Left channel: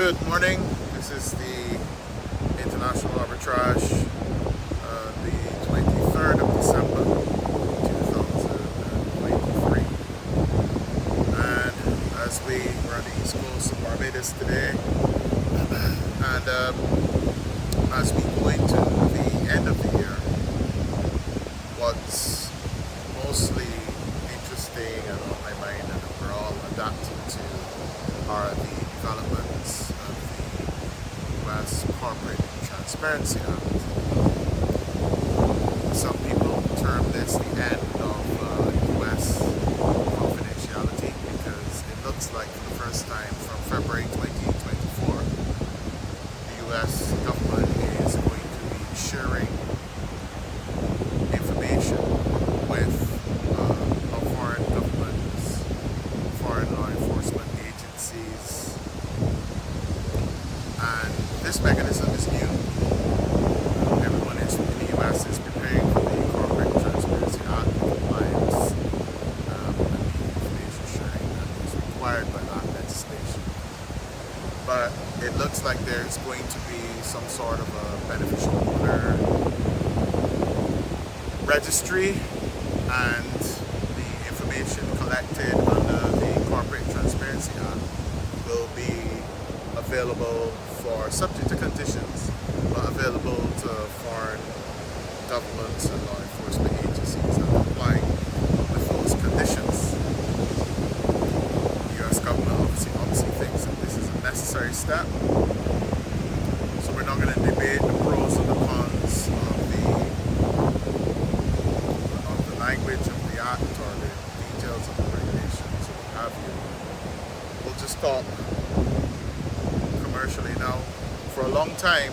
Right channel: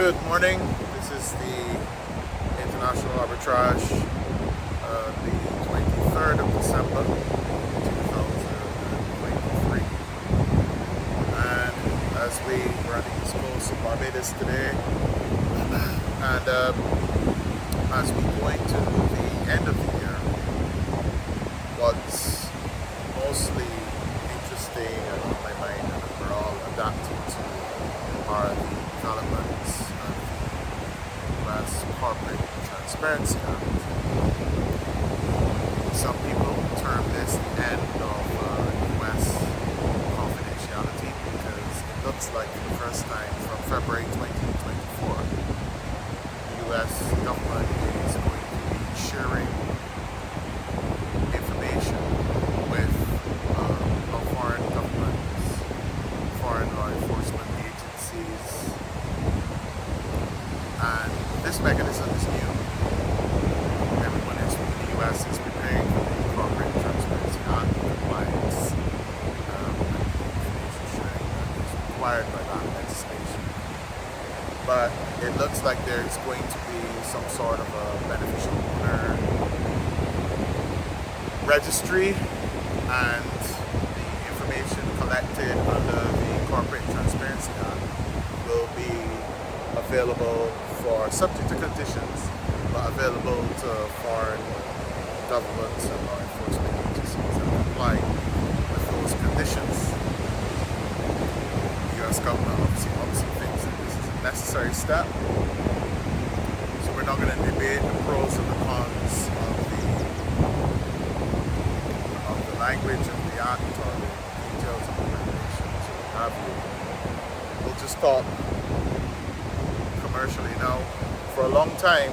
Good morning. This is the International Arbitrage, the 23rd of December 2023. And as we're on the east coast of Barbados today, and as we go into the end of the year, what's mostly interesting and on my mind and that we're all adapting to are the developments of the U.S. Corporate Transparency Act. Some people term this the end of U.S. confidentiality because it looks like for the first time from February 2024, the U.S. government is going to be sharing information with our foreign governments, foreign law enforcement agencies, and this mechanism is new. Everyone in the U.S. is preparing for the Corporate Transparency Act compliance and the information sharing that is required by that legislation. But it looks like there's going to be some sort of a beneficial owner registry, and the information collected under the Corporate Transparency Act will be available for subject to conditions, but available to foreign governments and law enforcement agencies that comply with those conditions. The U.S. government obviously thinks that this is a necessary step, so we're not going to debate the pros and the cons of the language of the act or the details of the regulations or what have you. We'll just talk commercially now. For a long time,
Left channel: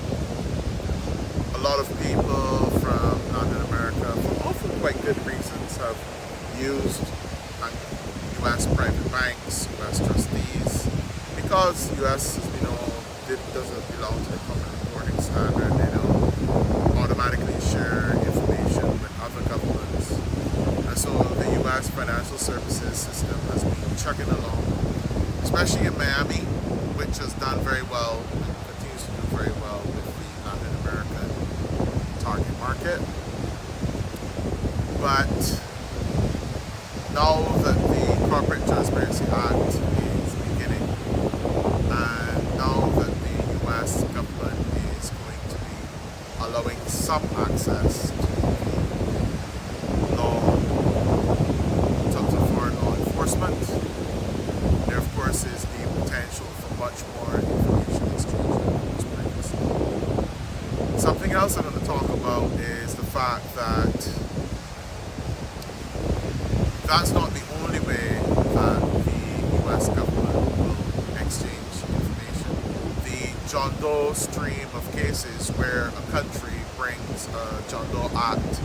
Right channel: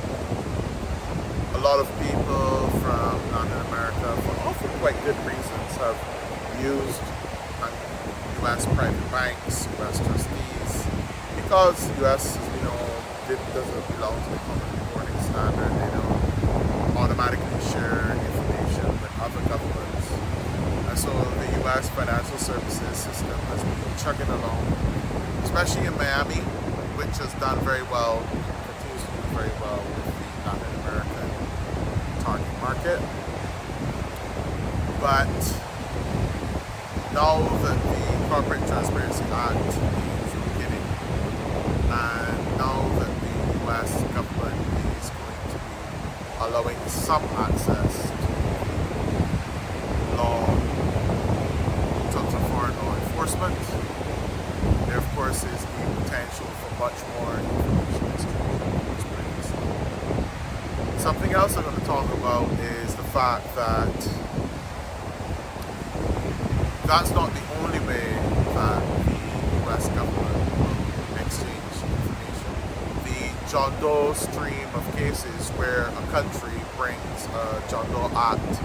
a lot of people from Latin America, for often quite good reasons, have used U.S. private banks, U.S. trustees, because U.S., as we know, doesn't belong to the common reporting standard. They don't automatically share information with other governments. And so the U.S. financial services system has been chugging along, especially in Miami, which has done very well and continues to do very well with the Latin American target market. But now that the Corporate Transparency Act is beginning, and now that the U.S. government is going to be allowing some access to law, in terms of foreign law enforcement, there of course is the potential for much more information exchange than was previously. Something else I'm going to talk about is the fact that that's not the only way that the U.S. government will exchange information. The John Doe stream of cases where a country brings a John Doe Act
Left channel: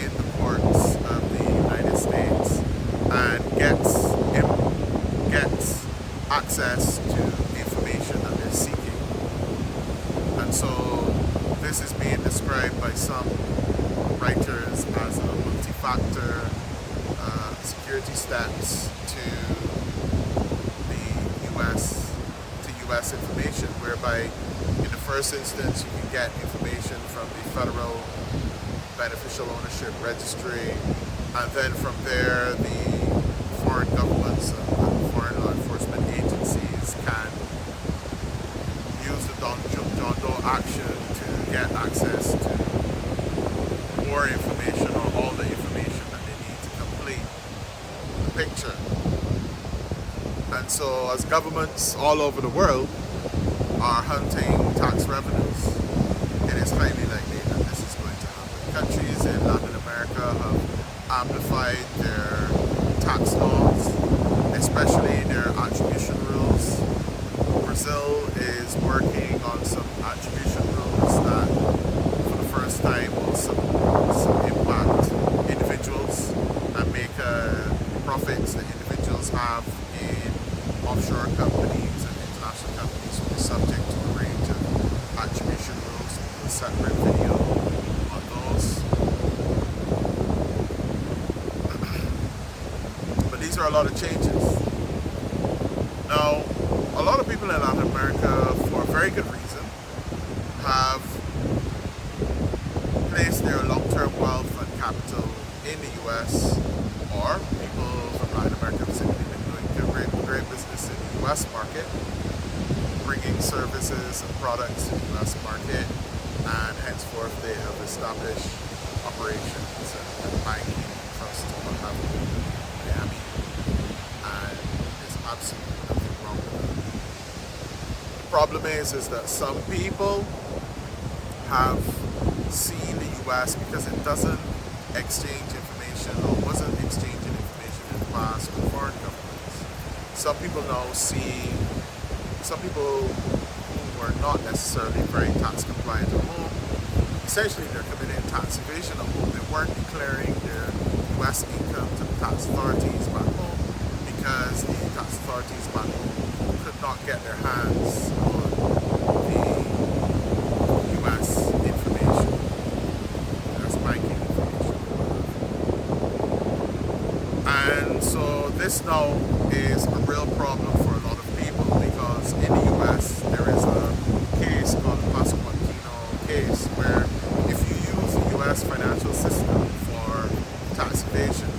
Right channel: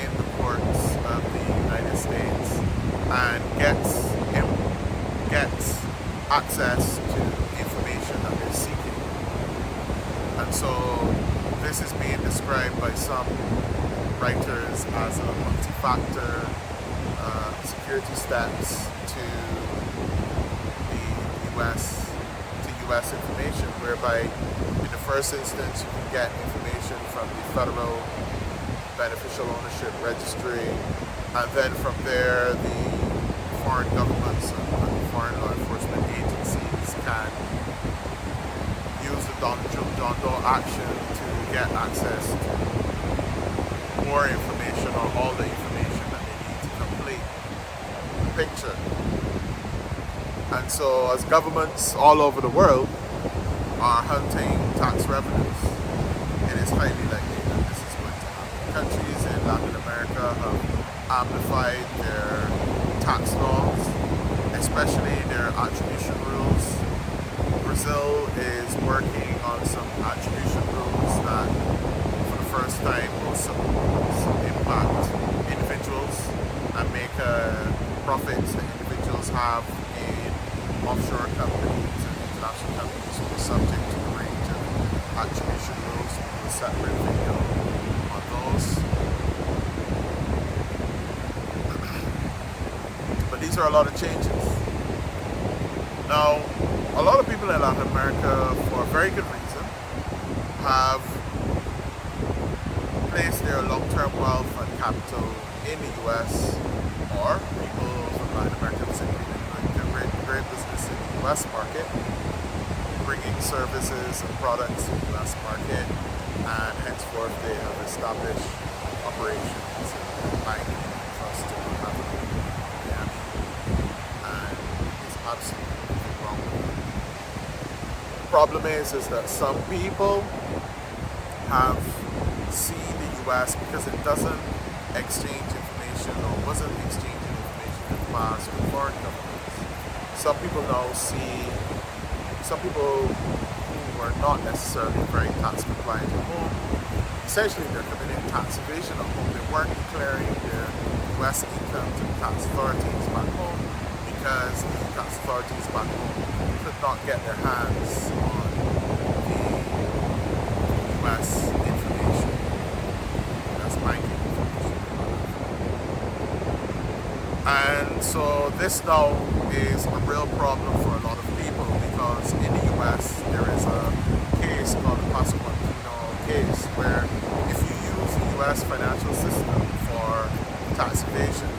in the courts of the United States and gets access to information that they're seeking. And so this is being described by some writers as a multi-factor security steps to the U.S. information, whereby in the first instance you can get information from the Federal Beneficial Ownership Registry, and then from there the foreign governments and foreign law enforcement agencies can use the John Doe action to get access to more information or all the information that they need to complete the picture. And so as governments all over the world are hunting tax revenues, it is highly likely that this is going to happen. Countries in Latin America have amplified their tax laws, especially their attribution rules. Brazil is working on some attribution rules that for the first time will impact individuals and make profits that individuals have in offshore companies and international companies will be subject to a range of attribution rules. We'll do a separate video on those. But these are a lot of changes. Now, a lot of people in Latin America, for a very good reason, have placed their long-term wealth and capital in the US, or people from Latin America have simply been doing great business in the US market, bringing services and products to the US market, and henceforth they have established operations and banking trust and what have you in Miami, and there's absolutely nothing wrong with that. The problem is that some people have seen the US, because it doesn't exchange information or wasn't exchanging information in the past with foreign governments. Some people now see, some people who were not necessarily very tax compliant at home, essentially they're committing tax evasion at home. They weren't declaring their US income to the tax authorities back home because the tax authorities back home could not get their hands on the US information. That's banking information. And so this now is a real problem for a lot of people, because in the US there is a case called the Pasquantino case, where if you use the US financial system for tax evasion,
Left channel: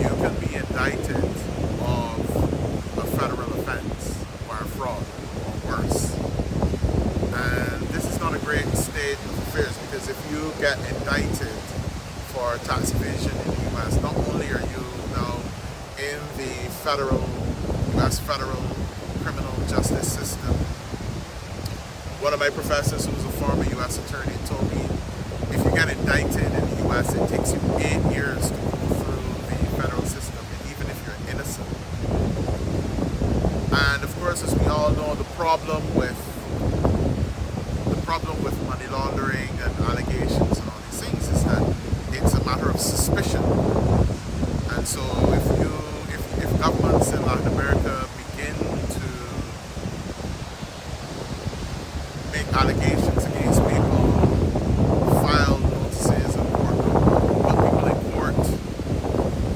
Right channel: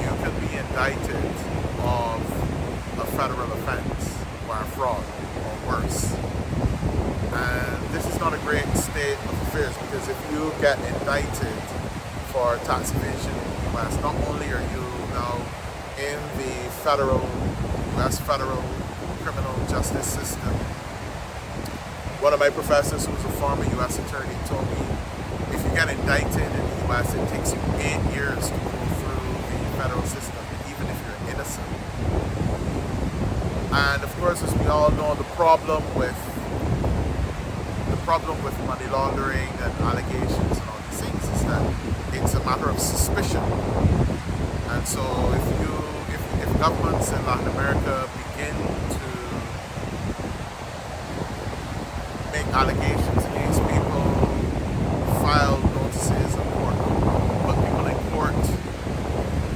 you can be indicted of a federal offense, wire fraud, or worse. And this is not a great state of affairs, because if you get indicted for tax evasion in the US, not only are you now in the US federal criminal justice system. One of my professors, who was a former US attorney, told me if you get indicted in the US, it takes you 8 years to go through the federal system, even if you're innocent. And of course, as we all know, the problem with money laundering and allegations and all these things is that it's a matter of suspicion. And so if governments in Latin America begin to make allegations against people, file notices in court, put people in court,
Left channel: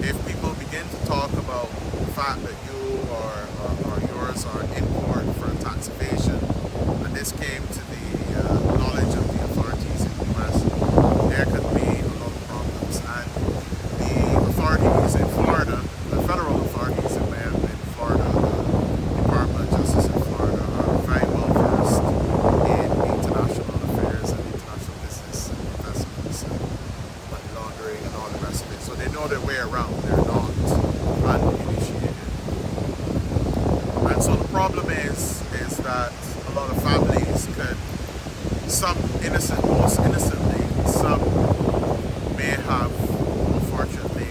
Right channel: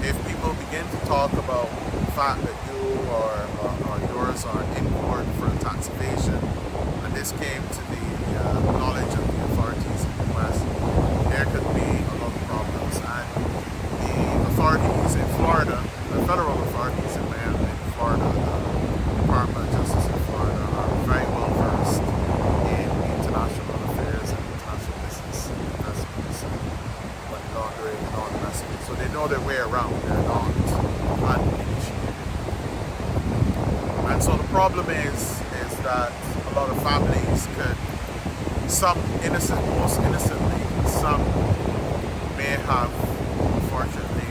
if people begin to talk about the fact that you or yours are in court for tax evasion, and this came to the knowledge of the authorities in the US, there could be a lot of problems. And the authorities in Florida, the federal authorities in Miami, in Florida, the Department of Justice in Florida, are very well versed in international affairs and international business and investments and money laundering and all the rest of it. So they know their way around. They're not uninitiated. And so the problem is that a lot of families could, some innocent, most innocently, some may have, unfortunately,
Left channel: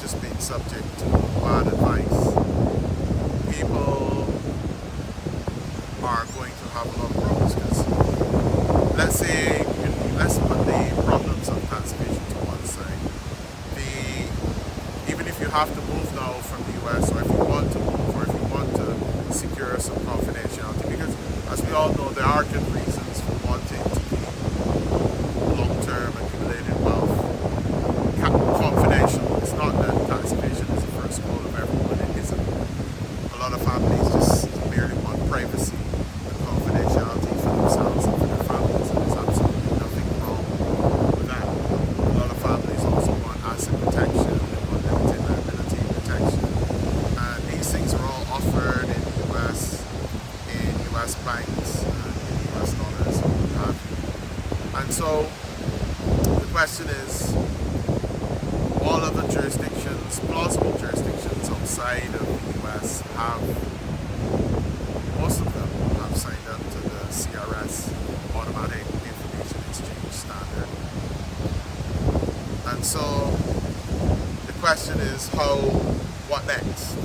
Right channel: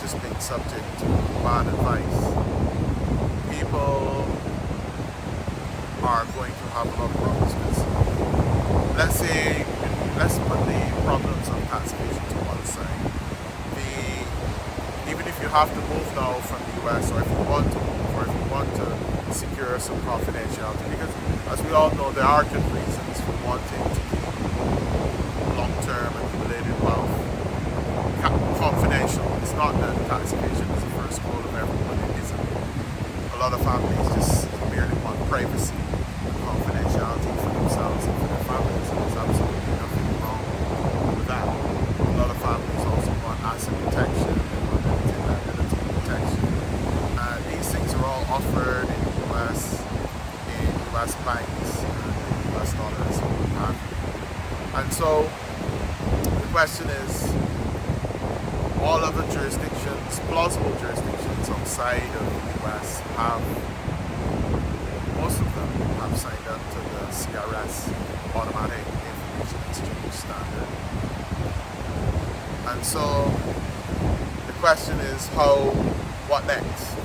just been subject to bad advice. People are going to have a lot of problems, because let's put the problems of tax evasion to one side. Even if you have to move now from the US, or if you want to move, or if you want to secure some confidentiality, because as we all know, there are good reasons for wanting to keep long-term accumulated wealth confidential. It's not that tax evasion is the first goal of everyone. It isn't. A lot of families just merely want privacy and confidentiality for themselves and for their families, and there's absolutely nothing wrong with that. A lot of families also want asset protection, they want limited liability protection. These things are all offered in the US, in US banks, in US dollars, and what have you. And so the question is, all other jurisdictions, plausible jurisdictions outside of the US have, most of them have signed up to the CRS Automatic Information Exchange Standard. And so the question is, what next?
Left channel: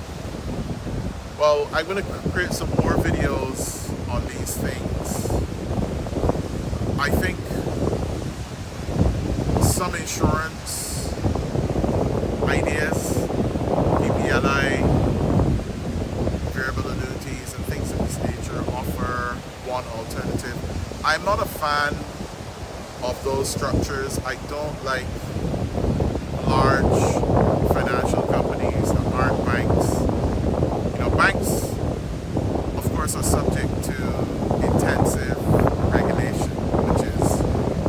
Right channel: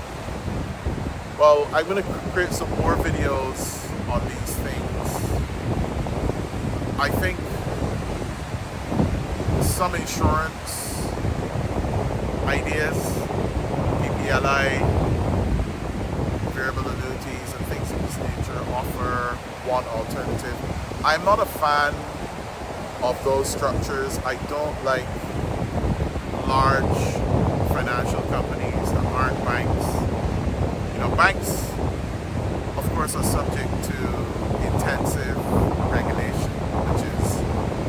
Well, I'm going to create some more videos on these things. I think some insurance ideas, PPLI, variable annuities, and things of this nature offer one alternative. I'm not a fan of those structures. I don't like large financial companies that aren't banks. You know, banks, of course are subject to intensive regulation, which is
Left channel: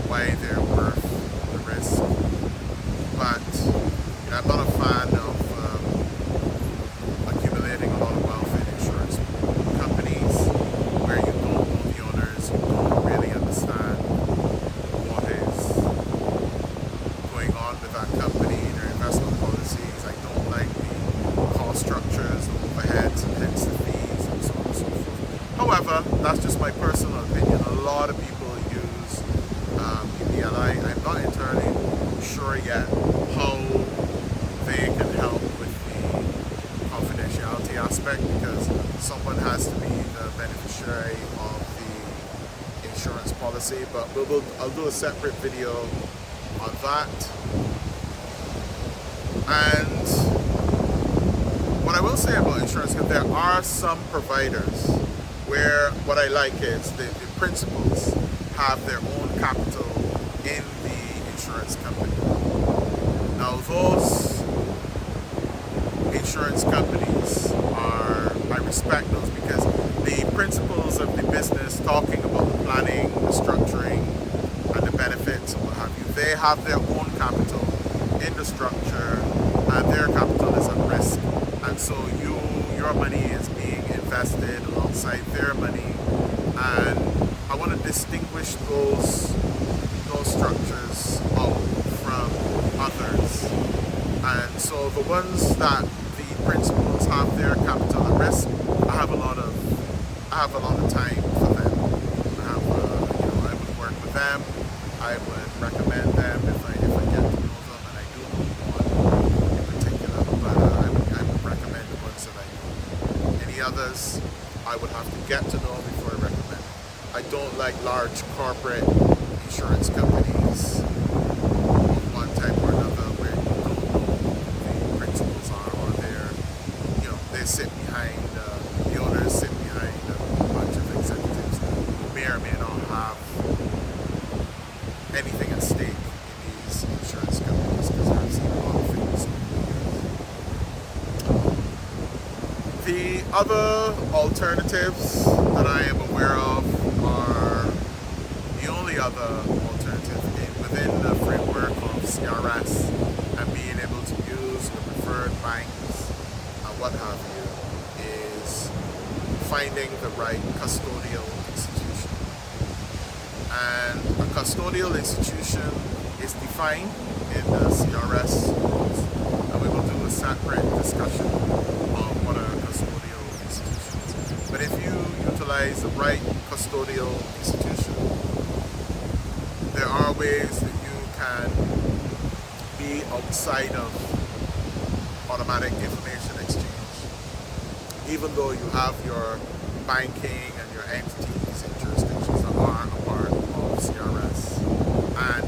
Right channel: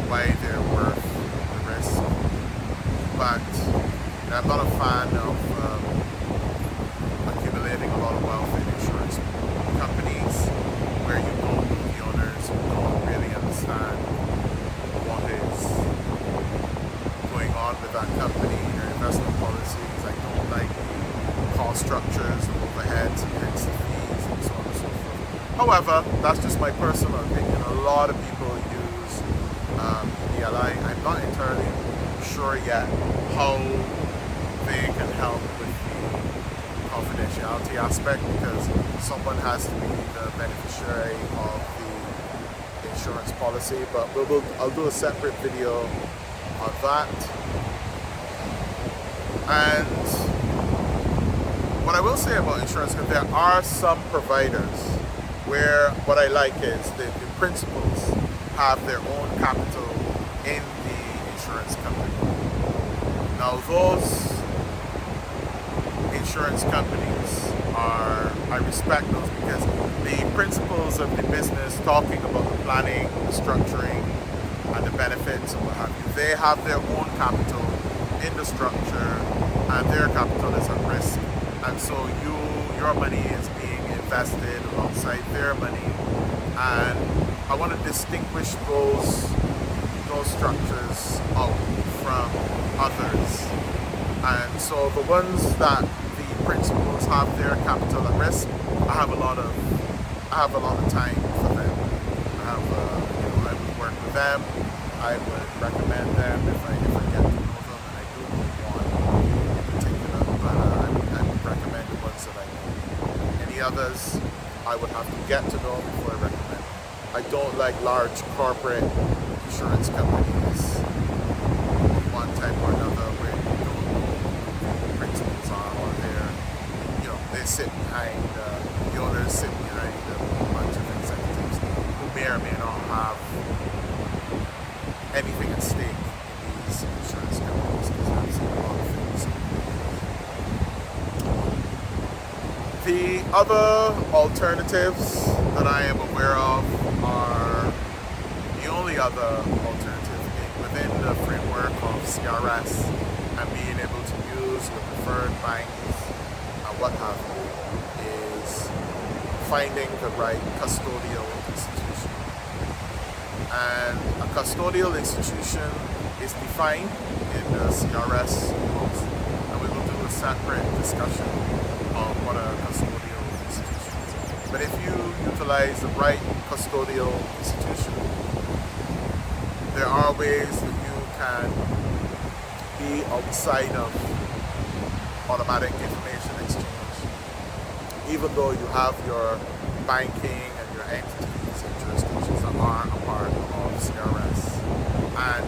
why they're worth the risk. But I'm not a fan of accumulating a lot of wealth in insurance companies where you don't know the owners, you don't really understand what is going on with that company, their investment policies. I don't like the cost structures, the overheads, and hence the fees, and so on and so forth. However, that's just my personal opinion. A lot of people use EPLI. I'm not entirely sure yet how they can help with the confidentiality aspect, because someone has to be the beneficiary of the insurance policy. But I'll do a separate video on that. And what I will say about insurance, because there are some providers where what I like is the principals have their own capital in the insurance company. Now those insurance companies I respect those, because the principles of the business, talking about the planning, the structuring, and the benefits and what have you, they have their own capital in the structure, and their capital is at risk. And so your money is being invested alongside their money, and I want to distinguish those structures out from others. And so the ones that the principals have their capital at risk, I have a lot of time for them. I would work with them. I would recommend them if I get to know them, and I do know one in particular. But I would recommend the ones that I know. Any others, I would have to get to know before I recommend. I don't like large corporate insurance companies of one type or another where you don't know who the principals are, or they sit behind, the owners sit behind a bunch of executives who may or may not have anything at stake in these insurance companies, because I've seen a lot of things over the years. The other alternatives that I am aware of are the only other alternative within the framework of CRS and being able to use your preferred banks and what have you, is finding the right custodial institution. And a custodial institution is defined in the CRS rules, and we will do a separate discussion of what a custodial institution is. But if you utilize the right custodial institution, there are ways that you can be outside of automatic information exchange. Even though you have your banking and your entities and jurisdictions that are a part of CRS, and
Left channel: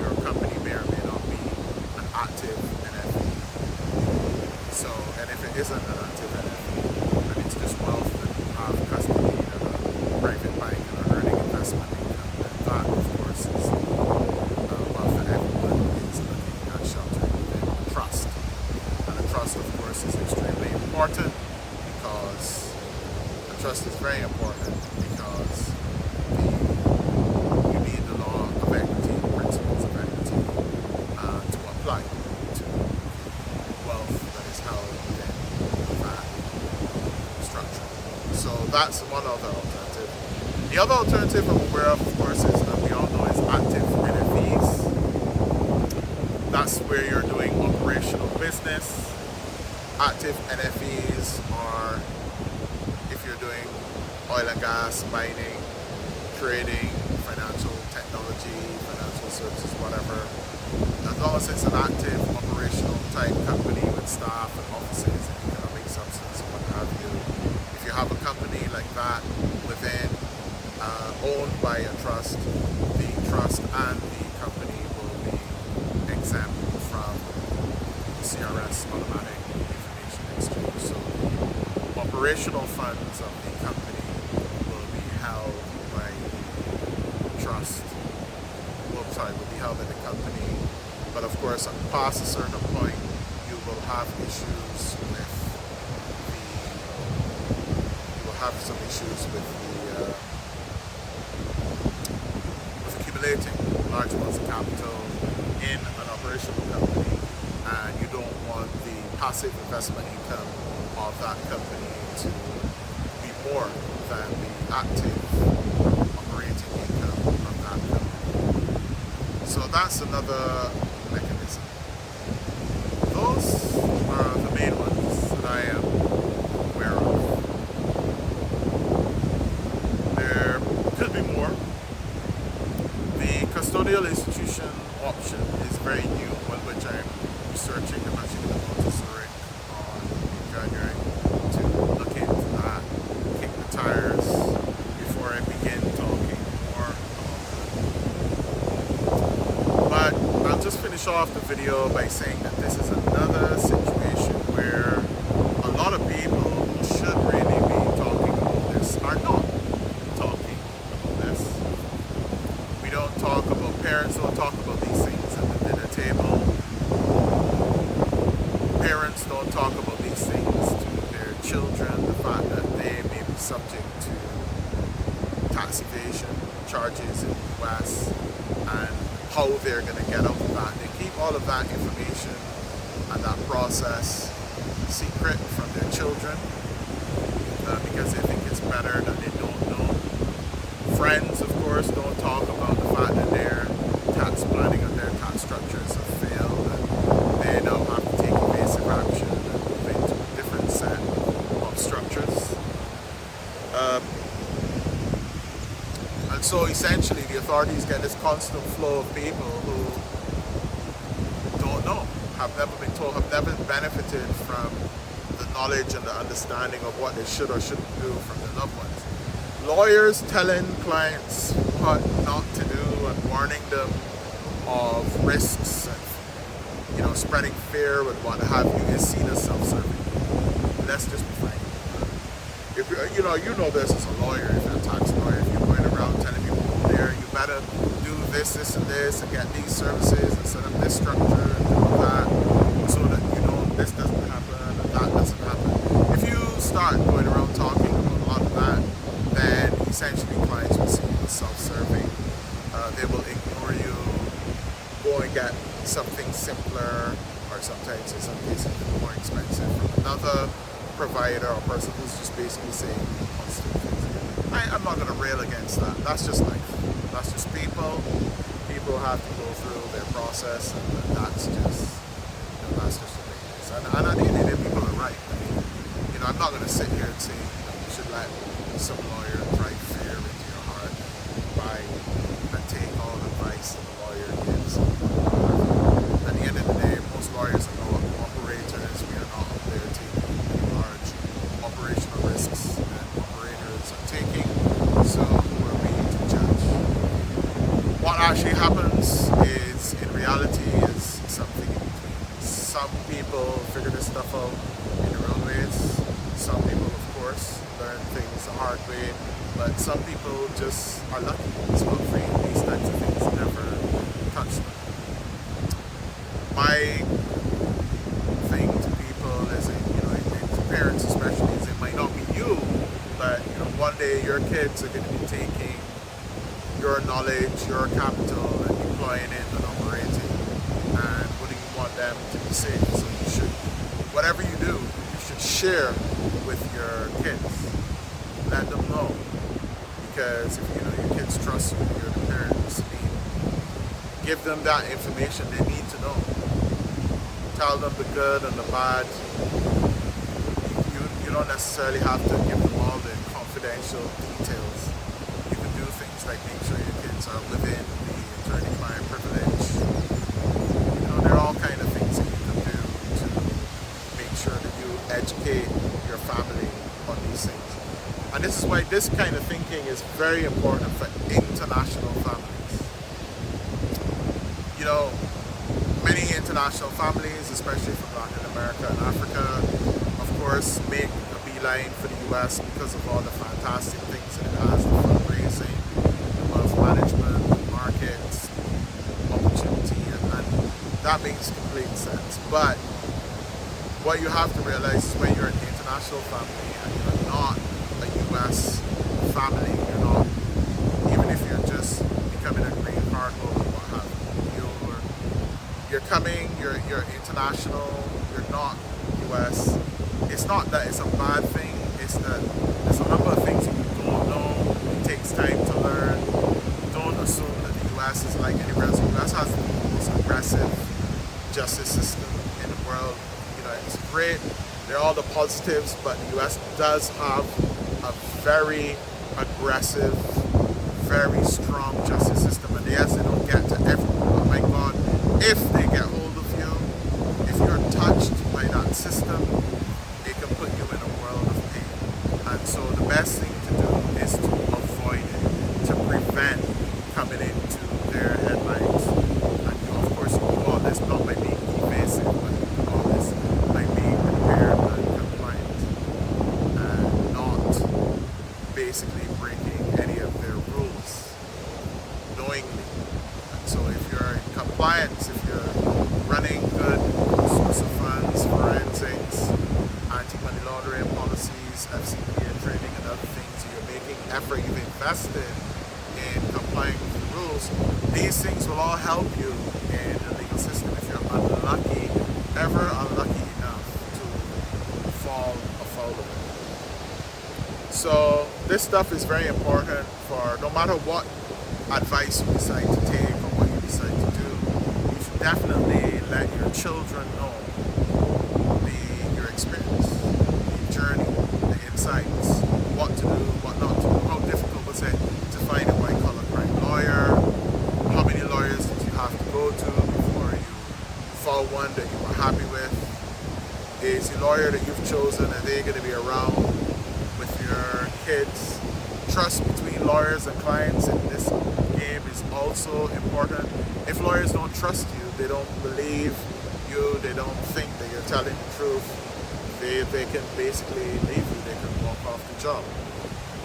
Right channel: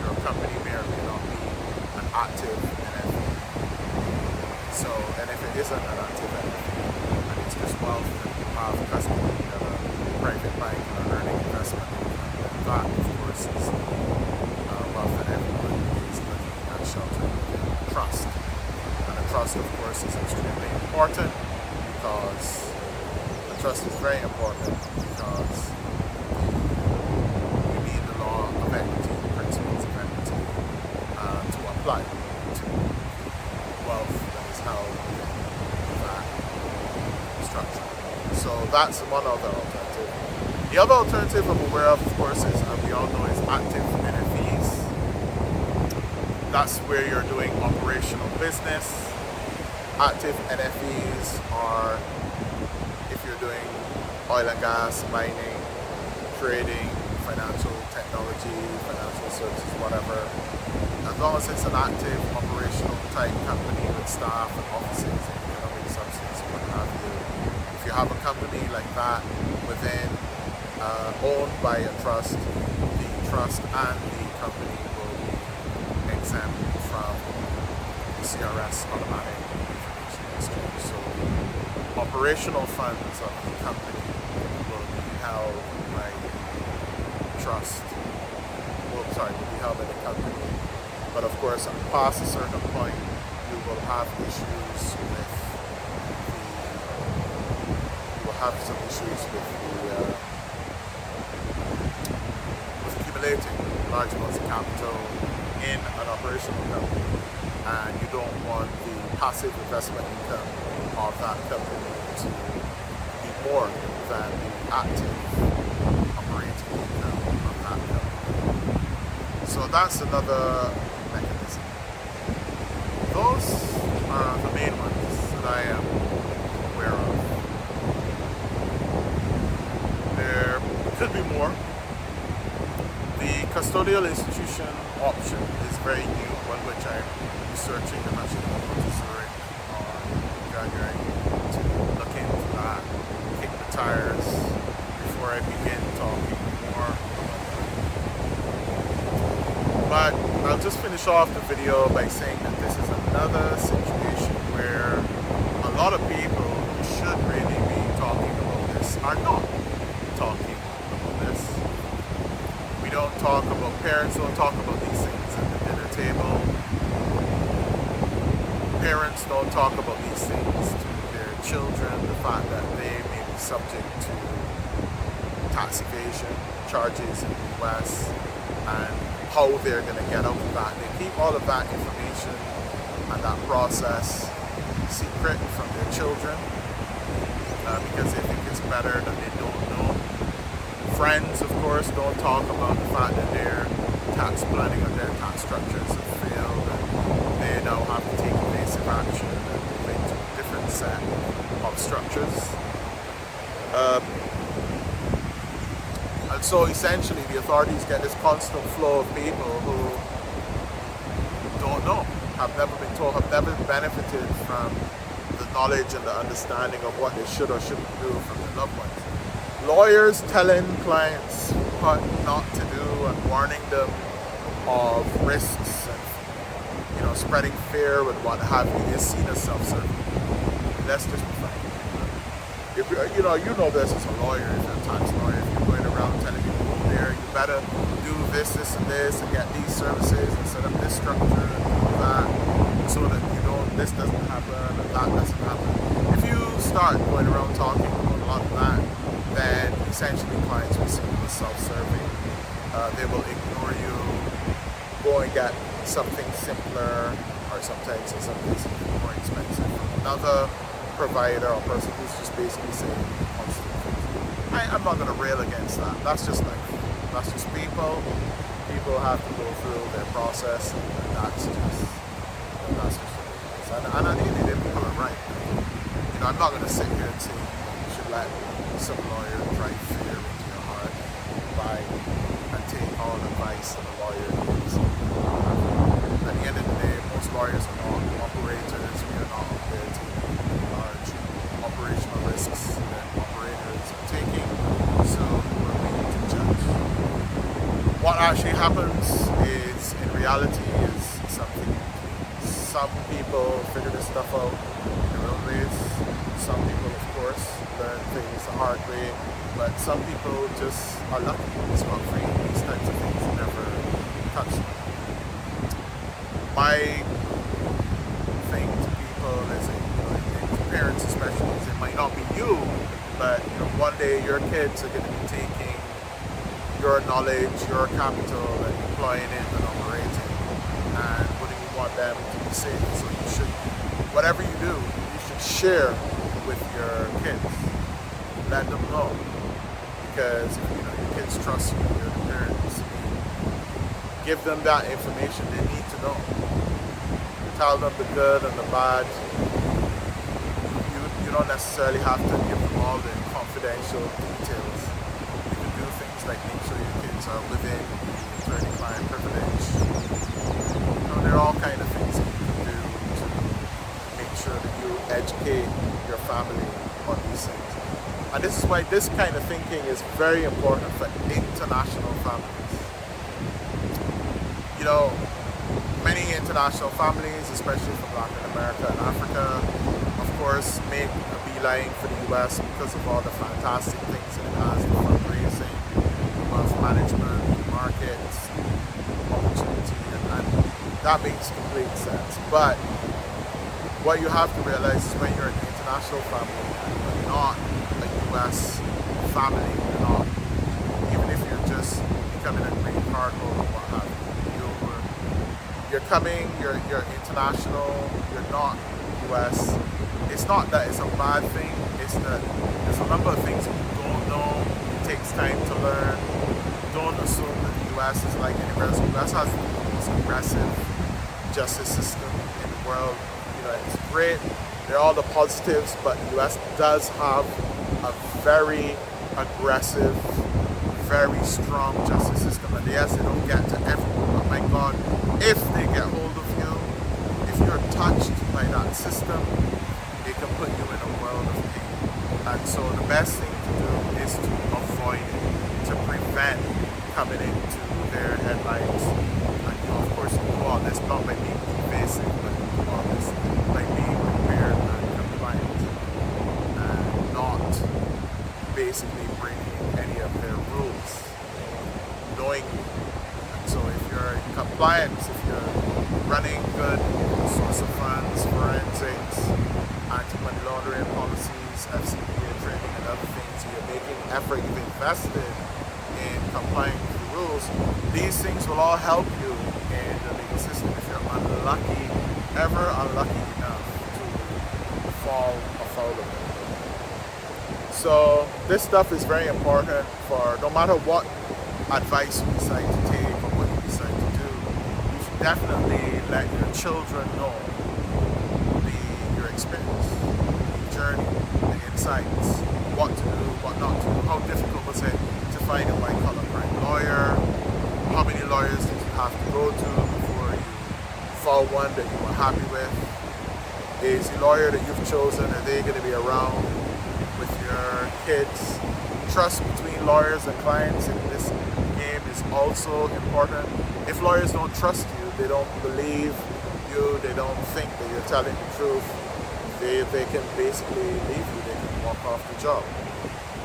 your company may or may not be an active NFE. So, and if it isn't an active NFE, and it's just wealth that you have custody at a private bank and are earning investment income, then that, of course, is the wealth that everyone is looking at sheltering within a trust. And a trust, of course, is extremely important, because a trust is very important because you need the law of equity, the principles of equity, to apply to wealth that is held within that structure. So that's one other alternative. The other alternative I'm aware of course, is, and we all know, is active NFEs. That's where you're doing operational business. Active NFEs are if you're doing oil and gas, mining, trading, financial technology, financial services, whatever. As long as it's an active operational type company with staff and offices and economic substance and what have you, if you have a company like that within, owned by a trust, the trust and the company will be exempt from CRS automatic information exchange. So operational funds of the company will be held by the trust. Will be held by the company. But of course, past a certain point, you will have issues with have some issues with accumulating large amounts of capital in an operational company, and you don't want the passive investment income of that company to be more than the active operating income of that company. So that's another mechanism. Those are the main ones that I am aware of. There could be more. The custodial institution option is very new, one which I'm researching. I'm actually going to go to Zurich on January to look into that, kick the tires before I begin talking more about that. But I'll just finish off the video by saying that this is another situation where a lot of people who should really be talking about this are not talking about this. We don't talk about, parents don't talk about these things at the dinner table. Parents don't talk about these things to their children, the fact that they may be subject to tax evasion charges in the US and how they're going to get out of that. They keep all of that information and that process secret from their children because they think it's better that they don't know. Friends, of course, don't talk about the fact that their tax planning or their tax structures have failed and they now have to take evasive action and move into a different set of structures. And so essentially the authorities get this constant flow of people who don't know, have never been told, have never benefited from the knowledge and the understanding of what they should or shouldn't do from their loved ones. Lawyers telling clients what not to do and warning them of risks and, you know, spreading fear and what have you is seen as self-serving. Let's just be frank. If you know this as a lawyer, if you're a tax lawyer, if you're going around telling people, oh, there, you better do this, this, and this, and get these services, and set up this structure, and do that, so that this doesn't happen, and that doesn't happen. If you start going around talking about a lot of that, then essentially clients will see you as self-serving. They will ignore you, go and get something simpler, or sometimes in some cases more expensive from another provider or person who's just basically saying constant things. I'm not going to rail against that. That's just life. That's just people. People have to go through their process, and that's just the way it is. And at the end of the day, people are right. I mean, I'm not going to sit here and say you should let some lawyer drive fear into your heart and buy and take all advice that a lawyer gives. At the end of the day, most lawyers are not operators. We are not up there taking large operational risks that operators are taking, so who are we to judge? What actually happens is, in reality, is something in between. Some people figure this stuff out in their own ways. Some people, of course, learn things the hard way, but some people just are lucky. It's not free. These types of things never touch them. My thing to people is, parents especially, is it might not be you, but one day your kids are going to be taking your knowledge, your capital, and deploying it and operating. And what do you want them to be safe? So you should, whatever you do, you should share with your kids. Let them know, because if your kids trust you, you're the parents. Give them that information they need to know. Tell them the good and the bad. You don't necessarily have to give them all the confidential details. You can do things like make sure your kids are within the attorney-client privilege. There are all kind of things that you can do to make sure that you educate your family on these things. And this is why this kind of thinking is very important for international families. Many international families, especially from Latin America and Africa, of course, make a beeline for the US because of all the fantastic things that it has, the fundraising, the wealth management, the markets, opportunity, and that makes complete sense. But what you have to realize is when you're an international family and you're not a U.S. family. You're not, even if you're just becoming a green card holder, what have you. You're coming. You're international. You're not U.S. It's not that it's a bad thing. It's that there's a number of things that you don't know. It takes time to learn. Don't assume that the U.S. is like anywhere else. The U.S. has the most aggressive justice system in the world. It's great. There are all the positives, but the U.S. does have a very aggressive, very strong justice system. And yes, they don't get to everyone, but my God, if they get hold of you, if you're touched by that system, it can put you in a world of pain. And so the best thing to do is to avoid it, to prevent coming into their headlines. And of course, you do all this not by being evasive, but you do all this by being prepared and compliant and not basically breaking any of their rules knowingly. And so if you're in compliance, if you're running good source of funds, forensics, anti-money laundering policies, FCPA training and other things, so you're making effort, you've invested in complying with the rules, these things will all help you in the legal system if you're unlucky, ever unlucky enough to fall afoul of it. So this stuff is very important for no matter what advice you decide to take or what you decide to do. You should definitely let your children know your experience, the journey, the insights, what to do, what not to do, how difficult was it to find a white-collar crime lawyer, how many lawyers did you have to go to before you found one that you were happy with, is the lawyer that you've chosen, are they going to be around with your kids? Trust between lawyers and clients in this game is also important. If lawyers don't trust you, they don't believe you, they don't think that you're telling the truth, they can basically leave you, they can walk off the job.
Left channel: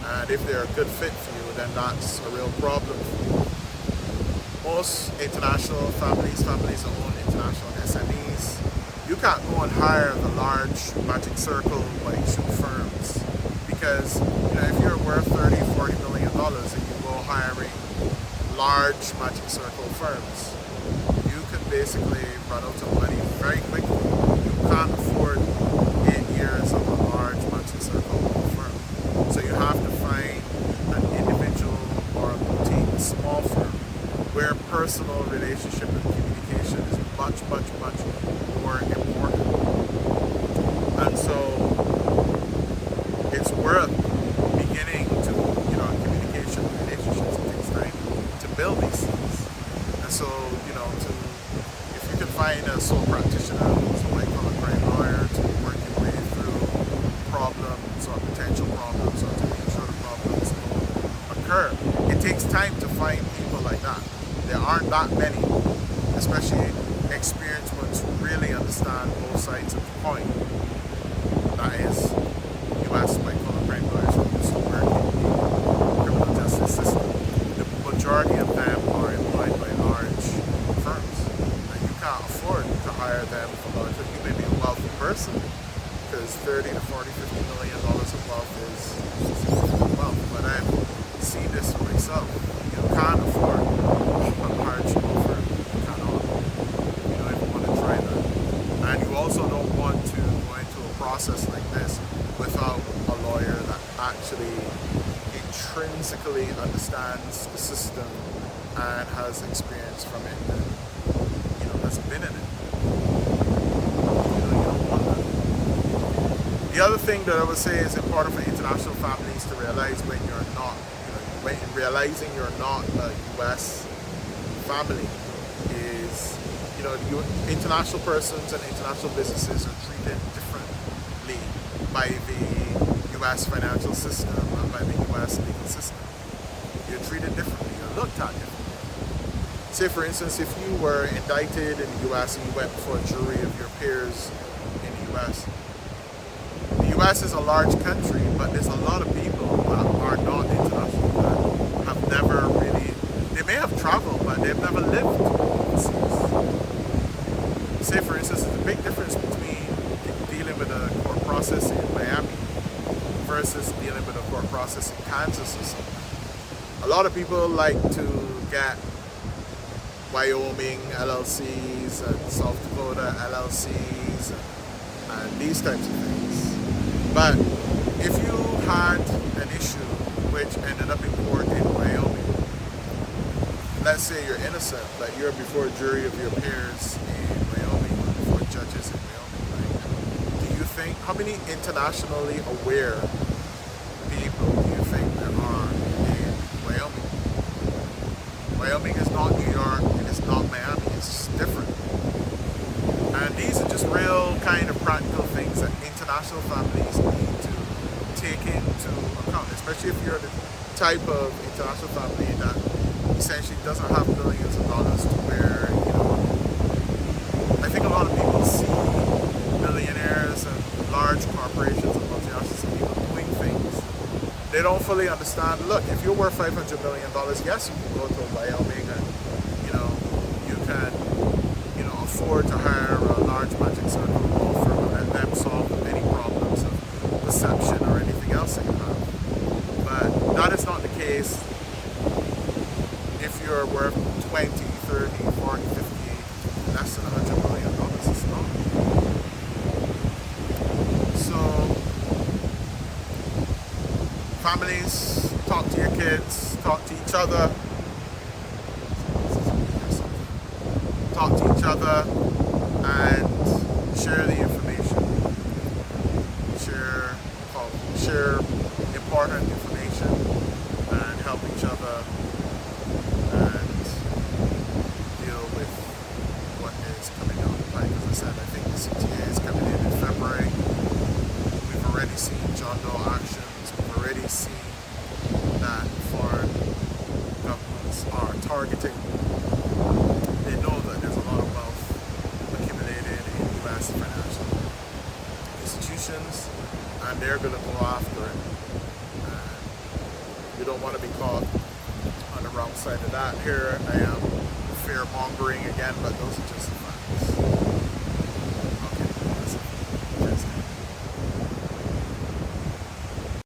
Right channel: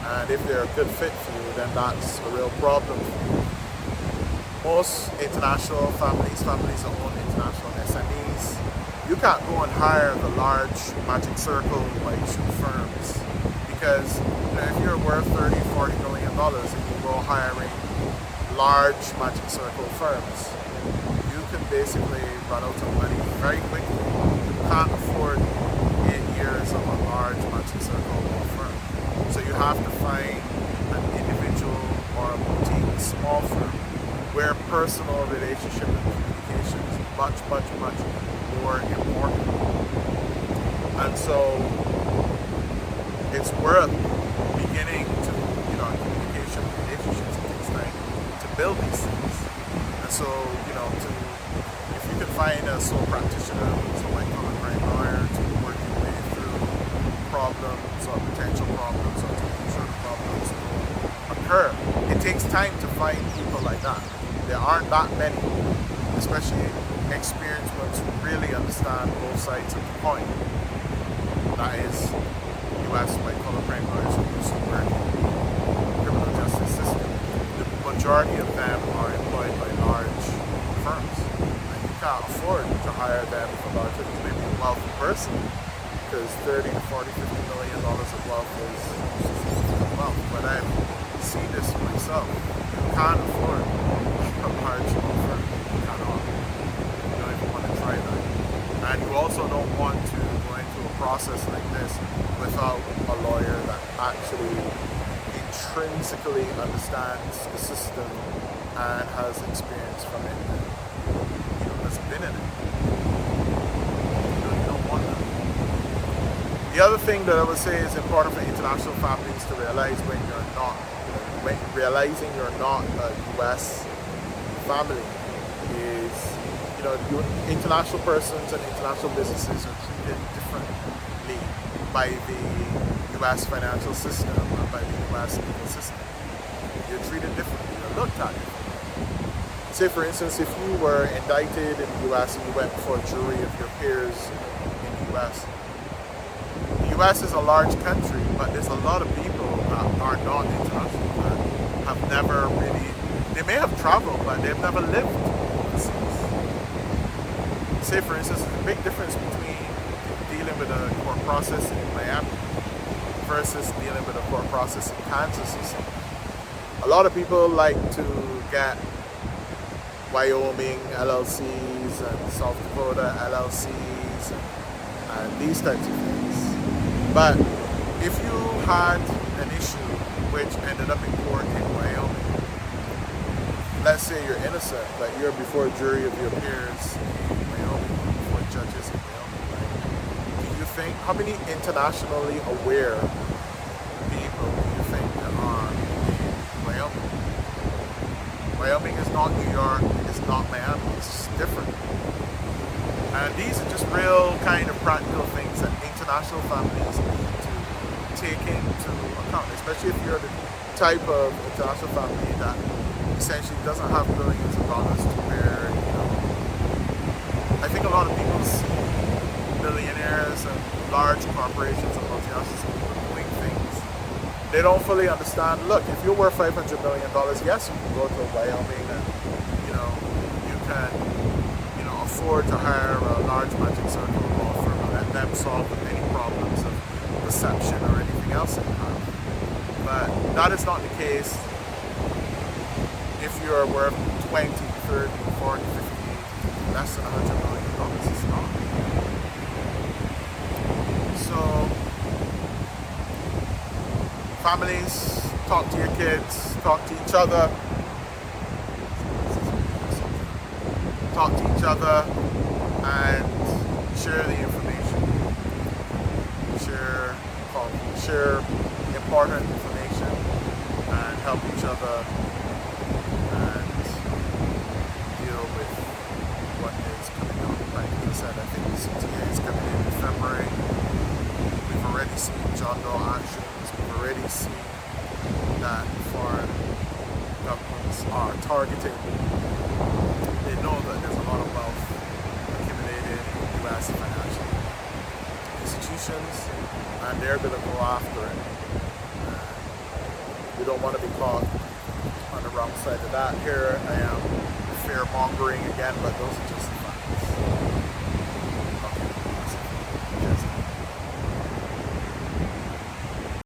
And if they're a good fit for you, then that's a real problem for you. Most international families that own international SMEs, you can't go and hire the large magic circle like shoe firms, because if you're worth $30-40 million and you go hiring large magic circle firms, you can basically run out of money very quickly. You can't afford 8 years of a large magic circle law firm. So you have to find an individual or a boutique, a small firm, where personal relationship and communication is much, much, much more important. And so it's worth beginning to, communication and relationships. It takes time to build these things. And so, if you can find a sole practitioner who's a white-collar crime lawyer to work your way through problems or potential problems, or to make sure the problems don't occur. It takes time to find people like that. There aren't that many, especially experienced ones who really understand both sides of the coin. That is, U.S. white-collar crime lawyers who used to work in the criminal justice system. The majority of them are employed by large firms, and you can't afford to hire them for large. You may be a wealthy person, because $30 to $40, $50 million of wealth is significant wealth. But I've seen this for myself. You can't afford a large law firm. You cannot. You don't even want to try that. And you also don't want to go into a process like this without a lawyer that actually intrinsically understands the system and has experience from it and has been in it. You don't want that. The other thing that I would say is important for international families to realize when you're not, when realizing you're not a U.S. family is, international persons and international businesses are treated differently by the U.S. financial system and by the U.S. legal system. You're treated differently, you're looked at differently. Say for instance, if you were indicted in the U.S. and you went before a jury of your peers in the U.S., the U.S. is a large country, but there's a lot of people that are not international, that have never really, they may have traveled, but they've never lived overseas. Say for instance, there's a big difference between dealing with a court process in Miami versus dealing with a court process in Kansas or somewhere. A lot of people like to get Wyoming LLCs and South Dakota LLCs and these types of things. But if you had an issue which ended up in court in Wyoming, let's say you're innocent, but you're before a jury of your peers in Wyoming or before judges in Wyoming, right? Do you think, how many internationally aware people do you think there are in Wyoming? Wyoming is not New York, it is not Miami, it's different. And these are just real kind of practical things that international families need to take into account, especially if you're the type of international family that essentially doesn't have billions of dollars to where, you know, I think a lot of people see billionaires and large corporations and multinationals people doing things. They don't fully understand, look, if you're worth $500 million, yes, you can go to Wyoming and, you know, you can, you know, afford to hire a large magic circle law firm and let them solve any problems of perception or anything else that you have. But that is not the case if you're worth 20, 30, 40, 50, less than $100 million. It's not. So, families, talk to your kids, talk to each other. Talk to each other and share the information. Share important information and help each other and deal with what is coming down the pike. As I said, I think the CTA is coming in February. We've already seen John Doe actions. We've already seen that foreign governments are targeting. They know that there's a lot of wealth accumulated in U.S. financial institutions, and they're going to go after it. And you don't want to be caught on the wrong side of that. Here I am fear mongering again, but those are just the facts.